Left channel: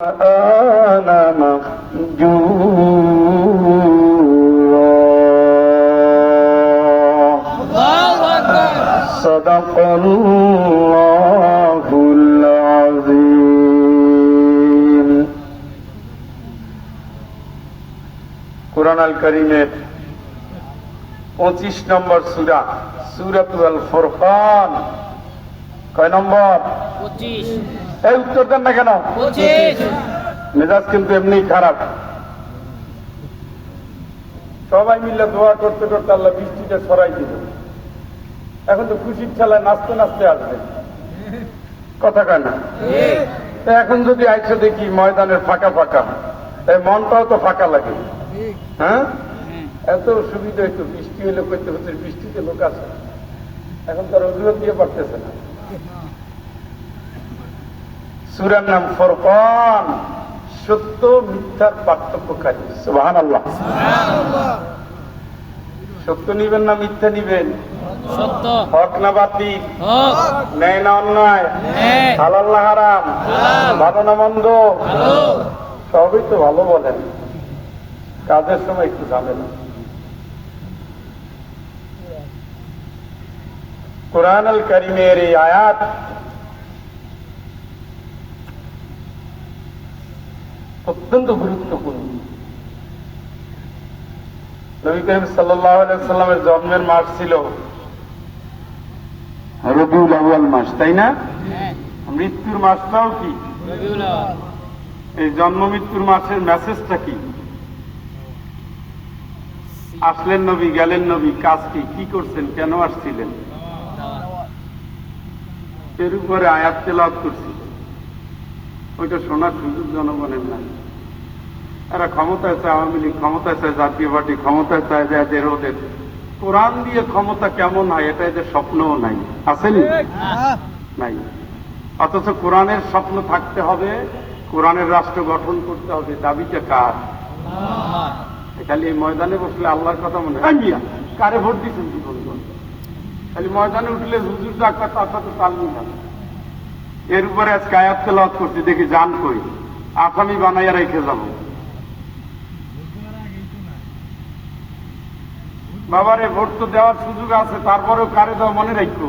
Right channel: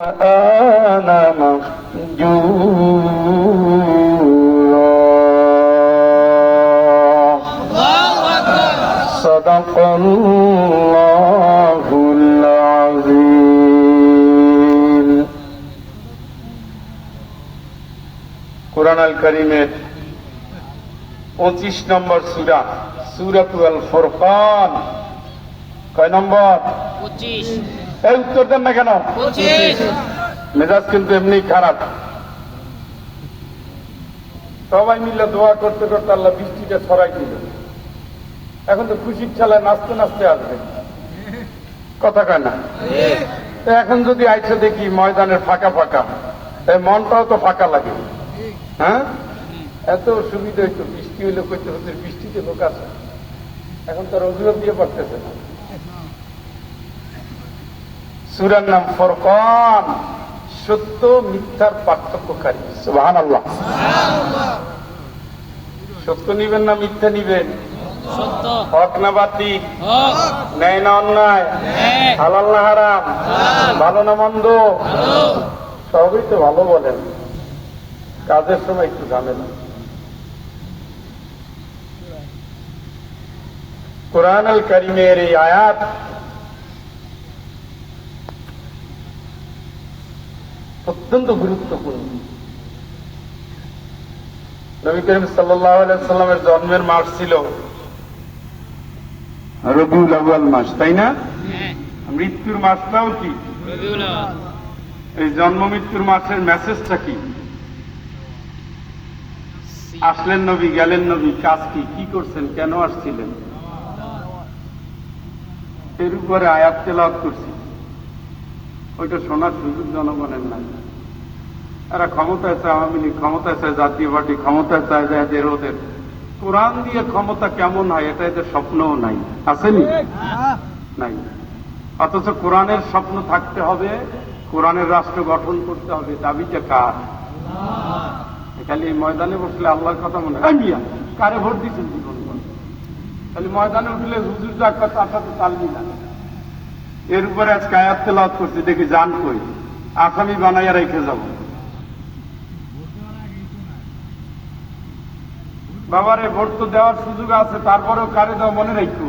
القرآن مهجورا صدق الله العظيم কোরআন আল করিমের পঁচিশ নম্বর সুরা সুরাতুল আল ফোরকান কয় নম্বর পঁচিশ এই উত্তর দেন না কেন? মেজাজ কিন্তু এমনি খারাপ। সবাই মিলে দোয়া করতে করতে আল্লাহ বৃষ্টিটা সবাই দিল। এখন তো খুশির ঠেলায় নাচতে নাচতে আসবে। কথা কয় না? এখন যদি আইসে দেখি ময়দানের ফাঁকা ফাঁকা এই মনটাও তো ফাঁকা লাগে। হ্যাঁ? এত সুবিধা হইতো বৃষ্টি হলে কইতে হচ্ছে বৃষ্টিতে লোক আছে। এখন তার অজুহাত দিয়ে পড়তেছে না। সুরার নাম ফরকান। সত্য মিথ্যার পার্থক্যকারী। সুবাহান আল্লাহ সত্য নিবেন না মিথ্যা নিবেন? হক না হক। ন্যায় না অন্যায়? ন্যায়। হালাল না হারাম? ভালো না মন্দ? সবই তো ভালো বলেন। কাজের সময় একটু জানেন। কোরআন আল করিমের এই আয়াত অত্যন্ত গুরুত্বপূর্ণ। নবী করিম সাল্লামের জন্মের মাস ছিল রবিউল আউয়াল মাস তাই না? হ্যাঁ। মৃত্যুর মাসটাও কি? এই জন্ম মৃত্যুর মাসের মেসেজটা কি? আসলেন নবী গেলেন নবী কাজ কি? কি করছেন? কেন আসছিলেন? এর উপরে আয়াত তেলাওয়াত করছি। ওইটা শোনার সুযোগ জনগণের নাই। তারা ক্ষমতায় চায় আওয়ামী লীগ ক্ষমতায় চায় জাতীয় পার্টি ক্ষমতায় চায় যে ওদের। কোরআন দিয়ে ক্ষমতা কেমন হয় এটা এদের স্বপ্নও নাই। আসেনি নাই। অথচ কোরআনের স্বপ্ন থাকতে হবে কোরআনের রাষ্ট্র গঠন করতে হবে দাবিটা কার? খালি এই ময়দানে বসলে আল্লাহর কথা মনে হয়। কারে ভোট দিচ্ছেন জীবন খালি ময়দানে উঠলে হুজুর তো একটা তার সাথে তাল মিলা এর উপরে আজকে আয়াত লাভ করছি, দেখি জান কই। আসামি বানাইয়া রেখে যাব। বাবারে, ভোট তো দেওয়ার সুযোগ আছে, তারপরেও কারে দেওয়া মনে রাখব?